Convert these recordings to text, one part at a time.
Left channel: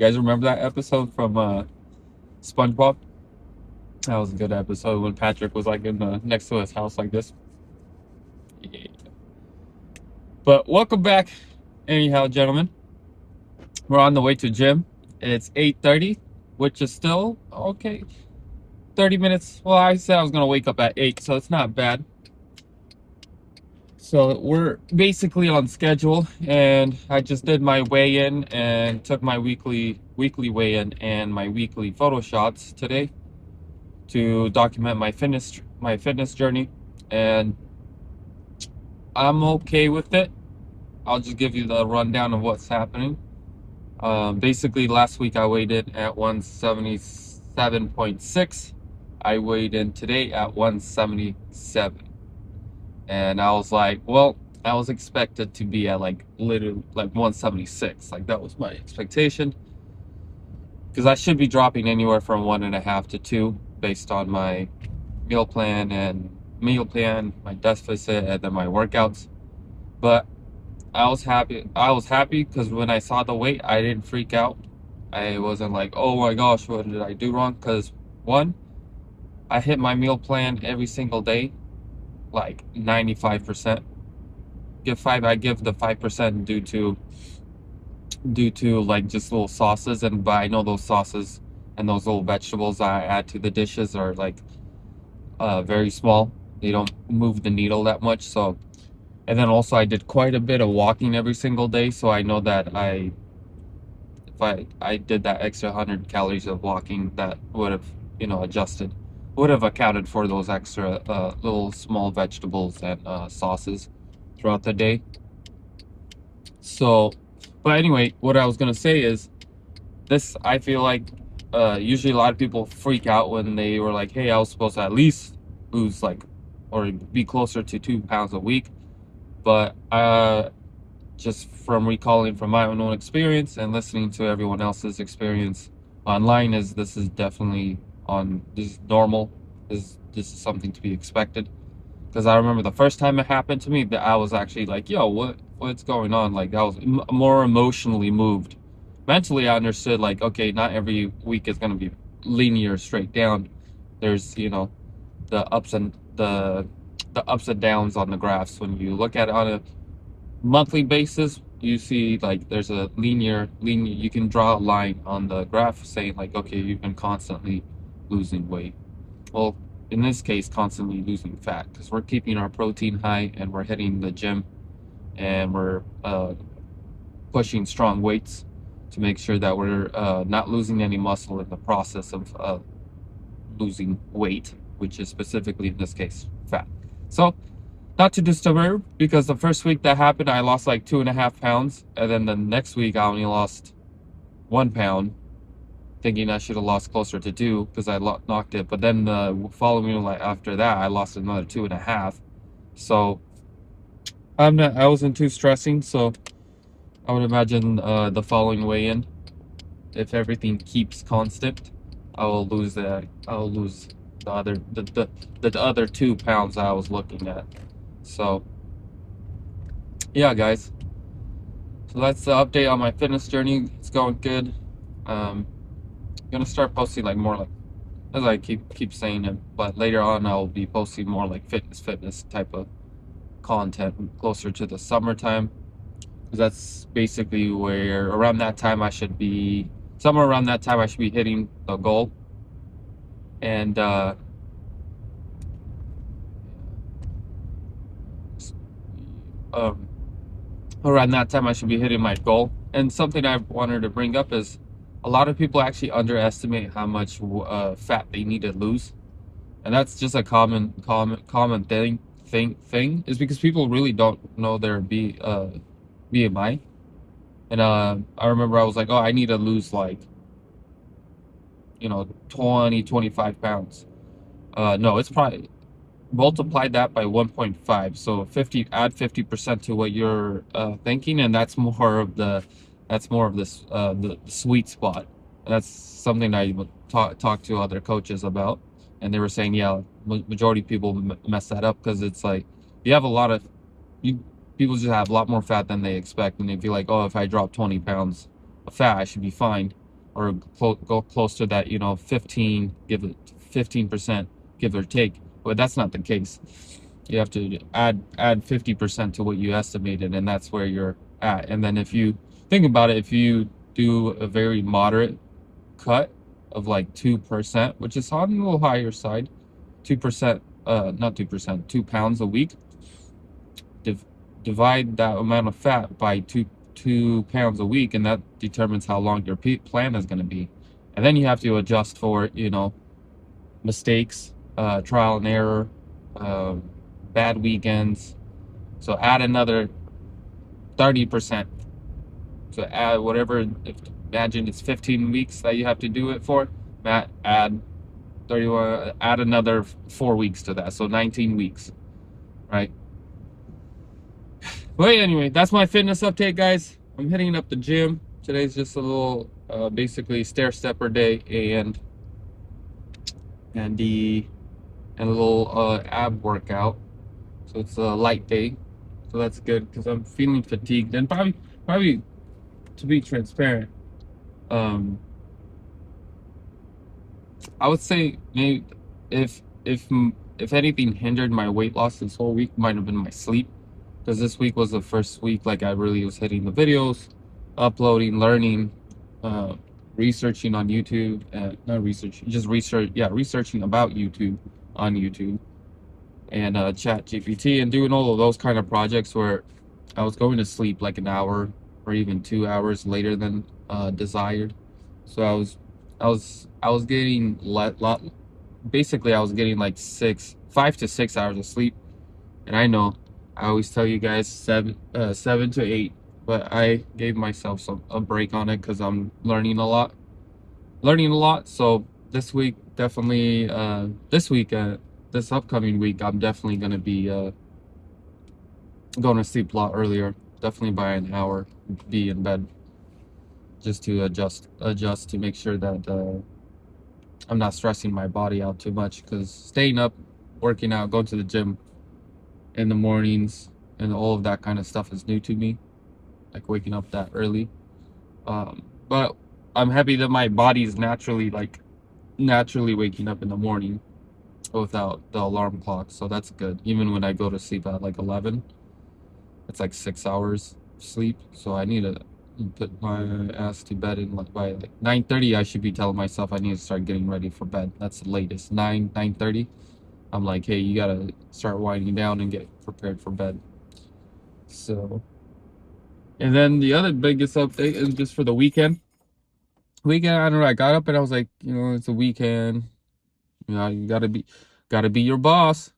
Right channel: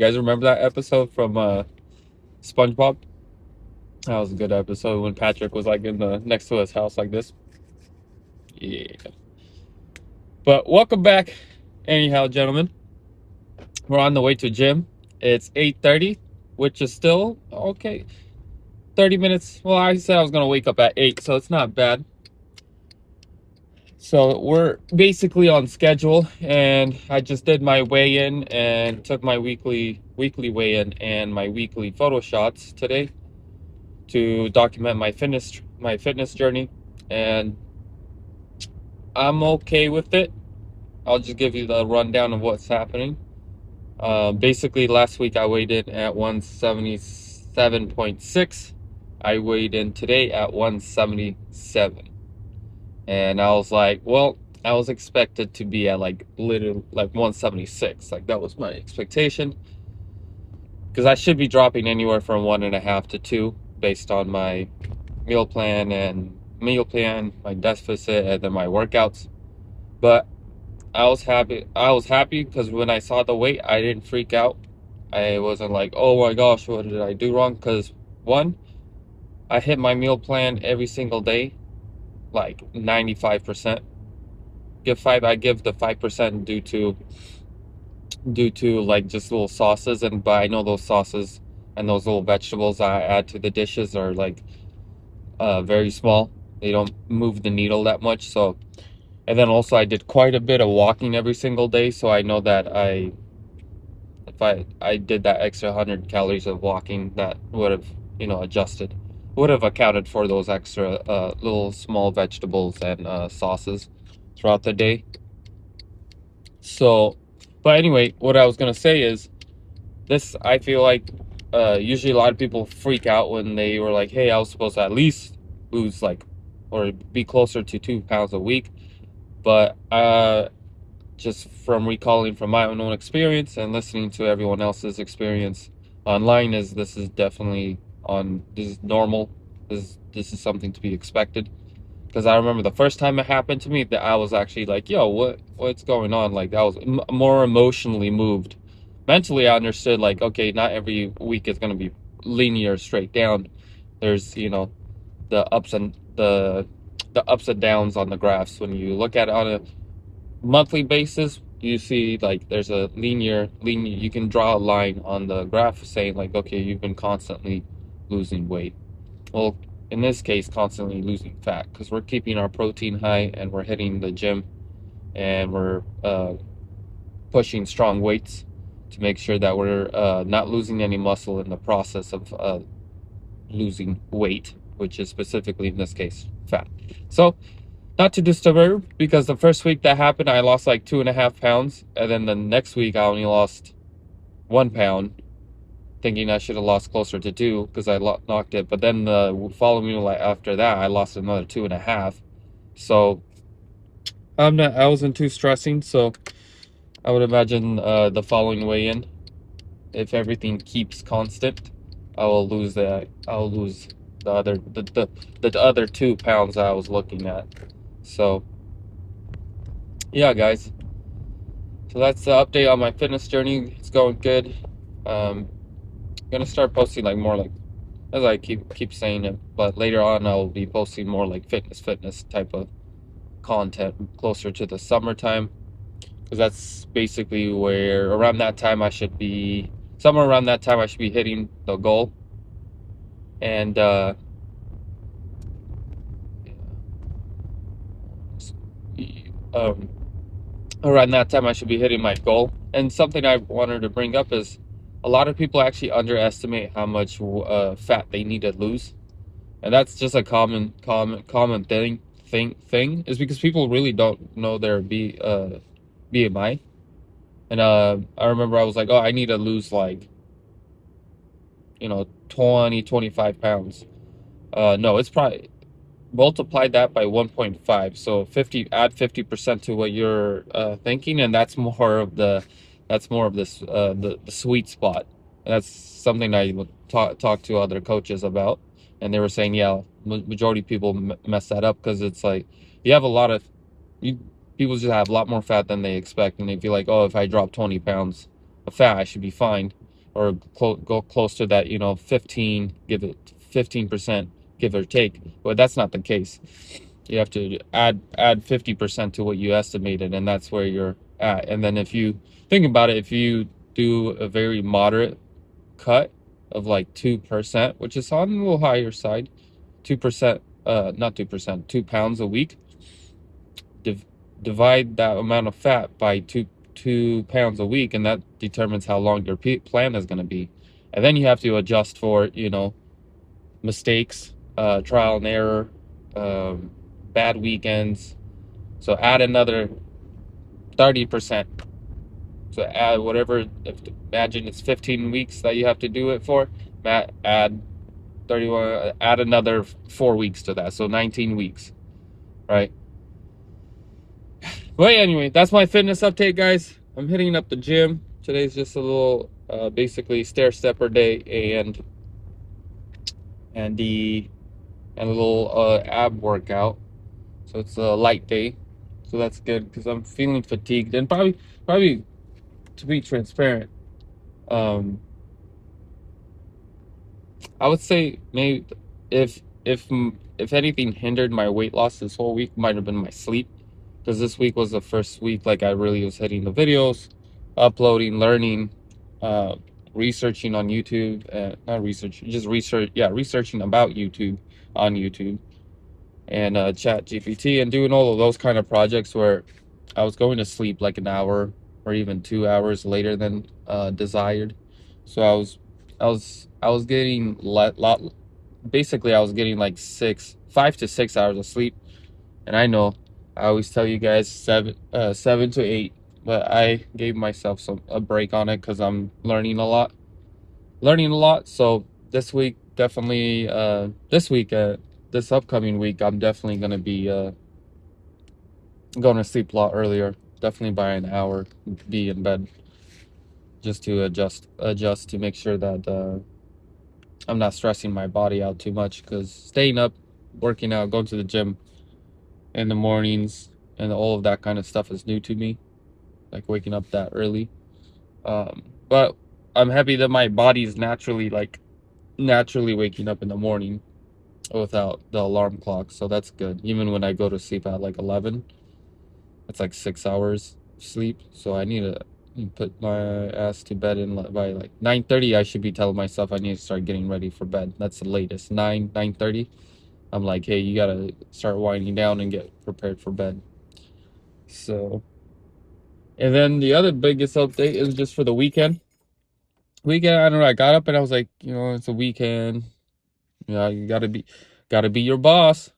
guys remember that episode from SpongeBob? That was a good episode when Patrick was like in the next to his house like this. Yeah. But welcome back, anyhow, gentlemen. We're on the way to gym. It's 8:30, which is still okay. 30 minutes. Well, I said I was gonna wake up at 8, so it's not bad. So we're basically on schedule, and I just did my weigh-in and took my weekly weigh-in and my weekly photo shots today to document my fitness journey, and I'm okay with it. I'll just give you the rundown of what's happening. Basically, last week I weighed in at 177.6. I weighed in today at 177. And I was like, well, I was expected to be at like literally like 176. Like that was my expectation. Because I should be dropping anywhere from 1.5 to 2 based on my meal plan, my deficit, and then my workouts. But I was happy. I was happy because when I saw the weight, I didn't freak out. I wasn't like, oh my gosh, what did I do wrong? Because one, I hit my meal plan every single day, like 95%. I give the 5% due to like just little sauces, but I know those sauces and those little vegetables I add to the dishes are like very small. They don't move the needle that much. So, and then also I did quite a bit of walking every single day, so I know that if I did that extra 100 calories of walking, that would have would have accounted for those extra little small vegetables and sauces throughout the day. So, but anyway, what I was gonna say is this. I feel like usually a lot of people freak out when they were like, "Hey, I was supposed to at least lose like or be closer to 2 pounds a week," but just from recalling from my own experience and listening to everyone else's experience online, is this is definitely on this is normal. This is something to be expected. Because I remember the first time it happened to me, that I was actually like, "Yo, what's going on?" Like I was more emotionally moved. Mentally, I understood like, okay, not every week is gonna be linear straight down. There's the ups and downs on the graphs. When you look at it on a monthly basis, you see like there's a linear. You can draw a line on the graph saying like, okay, you've been constantly losing weight. Well, in this case, constantly losing fat because we're keeping our protein high and we're hitting the gym and we're pushing strong weights to make sure that we're not losing any muscle in the process of losing weight, which is specifically in this case fat. So, not to disturb, because the first week that happened, I lost like 2.5 pounds, and then the next week I only lost 1 pound, thinking I should have lost closer to 2 because I knocked it. But then the following week after that, I lost another 2.5. So I wasn't too stressing. So I would imagine the following weigh-in, if everything keeps constant, I'll lose the other 2 pounds I was looking at. So yeah, guys. So that's the update on my fitness journey. It's going good. Gonna start posting like more like, as I keep saying it, but later on I'll be posting more like fitness type of content closer to the summertime, because that's basically where around that time I should be somewhere around that time I should be hitting the goal. And um around that time I should be hitting my goal. And something I wanted to bring up is a lot of people actually underestimate how much fat they need to lose, and that's just a common thing is because people really don't know their BMI. And I remember I was like, oh, I need to lose like 25 pounds. No, it's probably multiply that by 1.5, so 50, add 50% to what you're thinking, and that's more of this the sweet spot. And that's something I would talk to other coaches about, and they were saying, yeah, majority of people mess that up because it's like you have a lot of you people just have a lot more fat than they expect, and they feel like, oh, if I drop 20 pounds of fat I should be fine. or go close to that, 15% give or take. But that's not the case. You have to add 50% to what you estimated, and that's where you're at. And then if you think about it, if you do a very moderate cut of like 2%, which is on the little higher side, 2%, not 2%, 2 pounds a week, div divide that amount of fat by 2 pounds a week, and that determines how long your plan is going to be. And then you have to adjust for, mistakes, trial and error, bad weekends. So add another 30%. So add whatever, if imagine it's 15 weeks that you have to do it for, add 31, add another 4 weeks to that. So 19 weeks, right? But anyway, that's my fitness update, guys. I'm hitting up the gym. Today's just a little, basically stair stepper day and a little ab workout. So it's a light day. So that's good because I'm feeling fatigued and probably to be transparent, um, I would say maybe if if if anything hindered my weight loss this whole week might have been my sleep, because this week was the first week like I really was hitting the videos, uploading, learning, uh, researching on YouTube, not research, just research, yeah, researching about YouTube on YouTube and Chat GPT and doing all of those kind of projects where I was going to sleep like an hour or even 2 hours later than desired. So I was getting lot basically I was getting like 5 to 6 hours of sleep. And I know I always tell you guys 7 to 8, but I gave myself a break on it because I'm learning a lot. So this week definitely this upcoming week I'm definitely gonna be going to sleep a lot earlier, definitely by an hour, be in bed, just to adjust to make sure that I'm not stressing my body out too much, because staying up, working out, going to the gym in the mornings and all of that kind of stuff is new to me, like waking up that early. But I'm happy that my body is naturally waking up in the morning without the alarm clock, so that's good. Even when I go to sleep at like 11, it's like 6 hours sleep, so I need to put my ass to bed by like 9:30. I should be telling myself I need to start getting ready for bed. That's the latest, 9:30. I'm like, hey, you gotta start winding down and get prepared for bed. So, and then the other biggest update is just for the weekend. I don't know, I got up and I was like, it's a weekend. You gotta be your boss,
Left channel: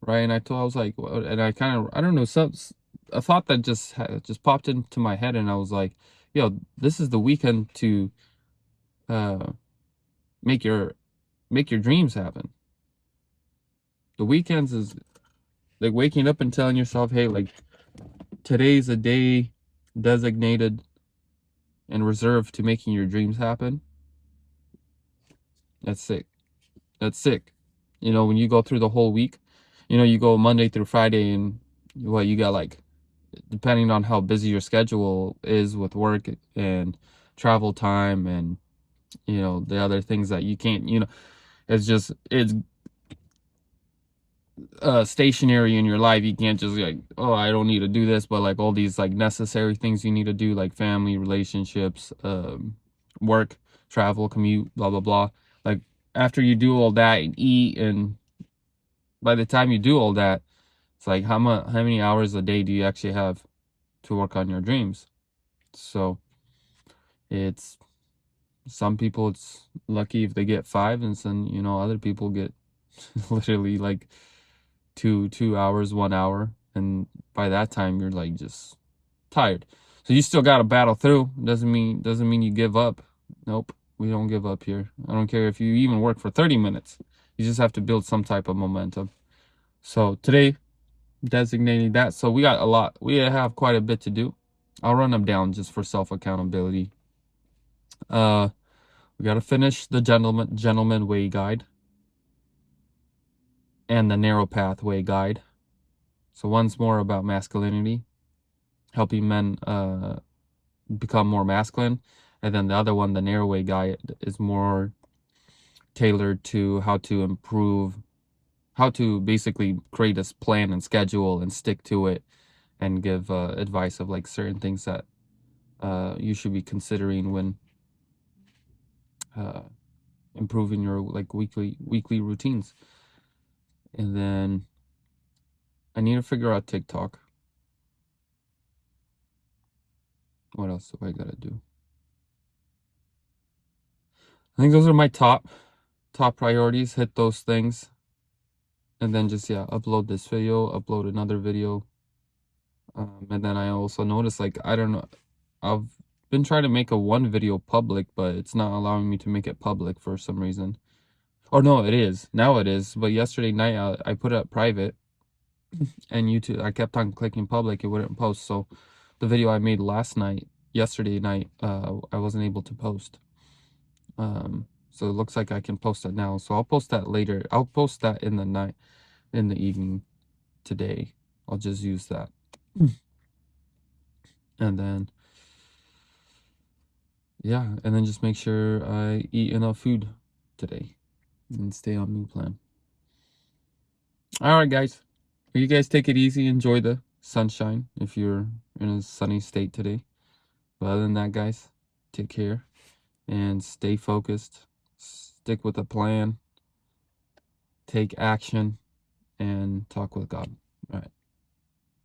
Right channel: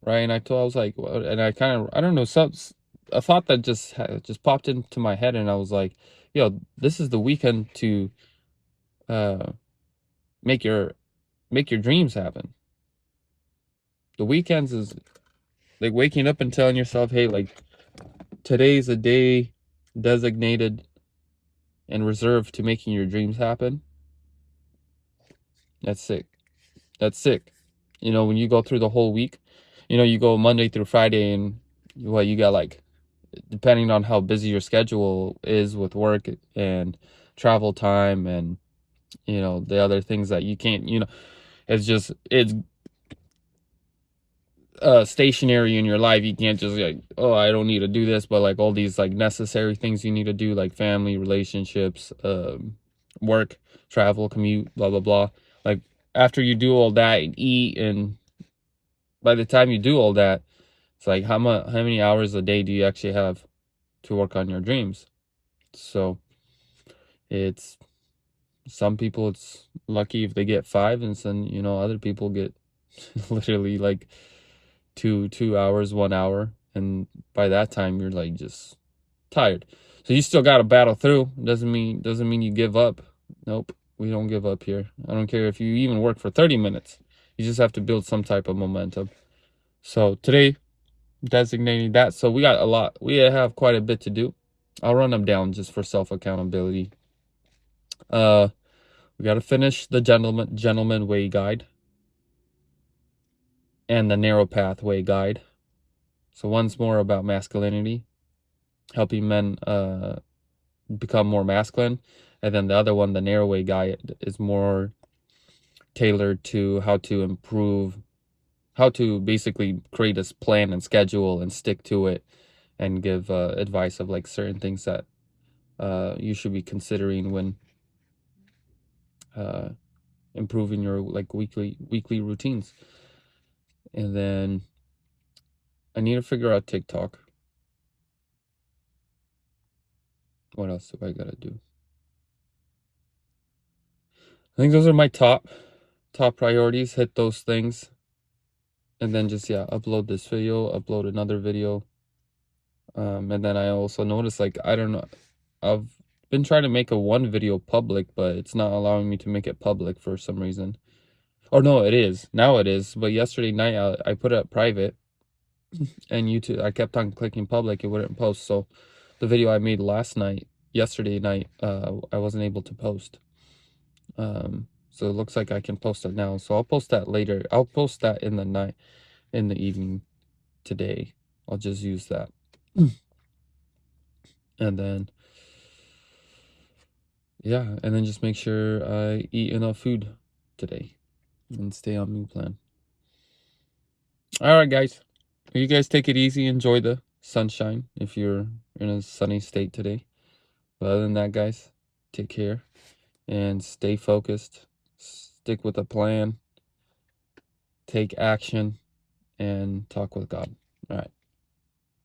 right? And I was like, well, and I kind of, I don't know, a thought that just popped into my head, and I was like, yo, this is the weekend to uh make your dreams happen. The weekends is like waking up and telling yourself, hey, like today's a day designated and reserved to making your dreams happen. That's sick. That's sick. When you go through the whole week, you go Monday through Friday, and you got like, depending on how busy your schedule is with work and travel time and the other things that you can't, it's stationary in your life. You can't just like, oh, I don't need to do this, but like all these like necessary things you need to do, like family, relationships, work, travel, commute, blah blah blah. Like after you do all that and eat, and by the time you do all that, it's like how many hours a day do you actually have to work on your dreams? So it's some people, it's lucky if they get 5, and some other people get literally like 2 hours, 1 hour, and by that time you're like just tired. So you still got to battle through. Doesn't mean you give up. Nope, we don't give up here. I don't care if you even work for 30 minutes. You just have to build some type of momentum. So today, designating that. So we have quite a bit to do. I'll run them down just for self accountability. We got to finish the gentleman way guide and the narrow pathway guide. So one's more about masculinity, helping men become more masculine, And then the other one, the narrow way guide, is more tailored to how to improve, how to basically create a plan and schedule and stick to it, and give advice of like certain things that you should be considering when improving your like weekly routines. And then I need to figure out TikTok. What else do I gotta do? I think those are my top priorities. Hit those things, and then just, yeah, upload this video, upload another video. And then I also noticed, like, I don't know, I've been trying to make a one video public, but it's not allowing me to make it public for some reason. Or no, it is. Now it is. But yesterday night I put it private, and YouTube, I kept on clicking public, it wouldn't post. So the video I made yesterday night, I wasn't able to post. So it looks like I can post it now. So I'll post that later. I'll post that in the evening today. I'll just use that. And then, yeah, and then just make sure I eat enough food today and stay on meal plan. All right, guys. You guys take it easy. Enjoy the sunshine if you're in a sunny state today. But other than that, guys, take care and stay focused. Stick with a plan. Take action and talk with God. All right.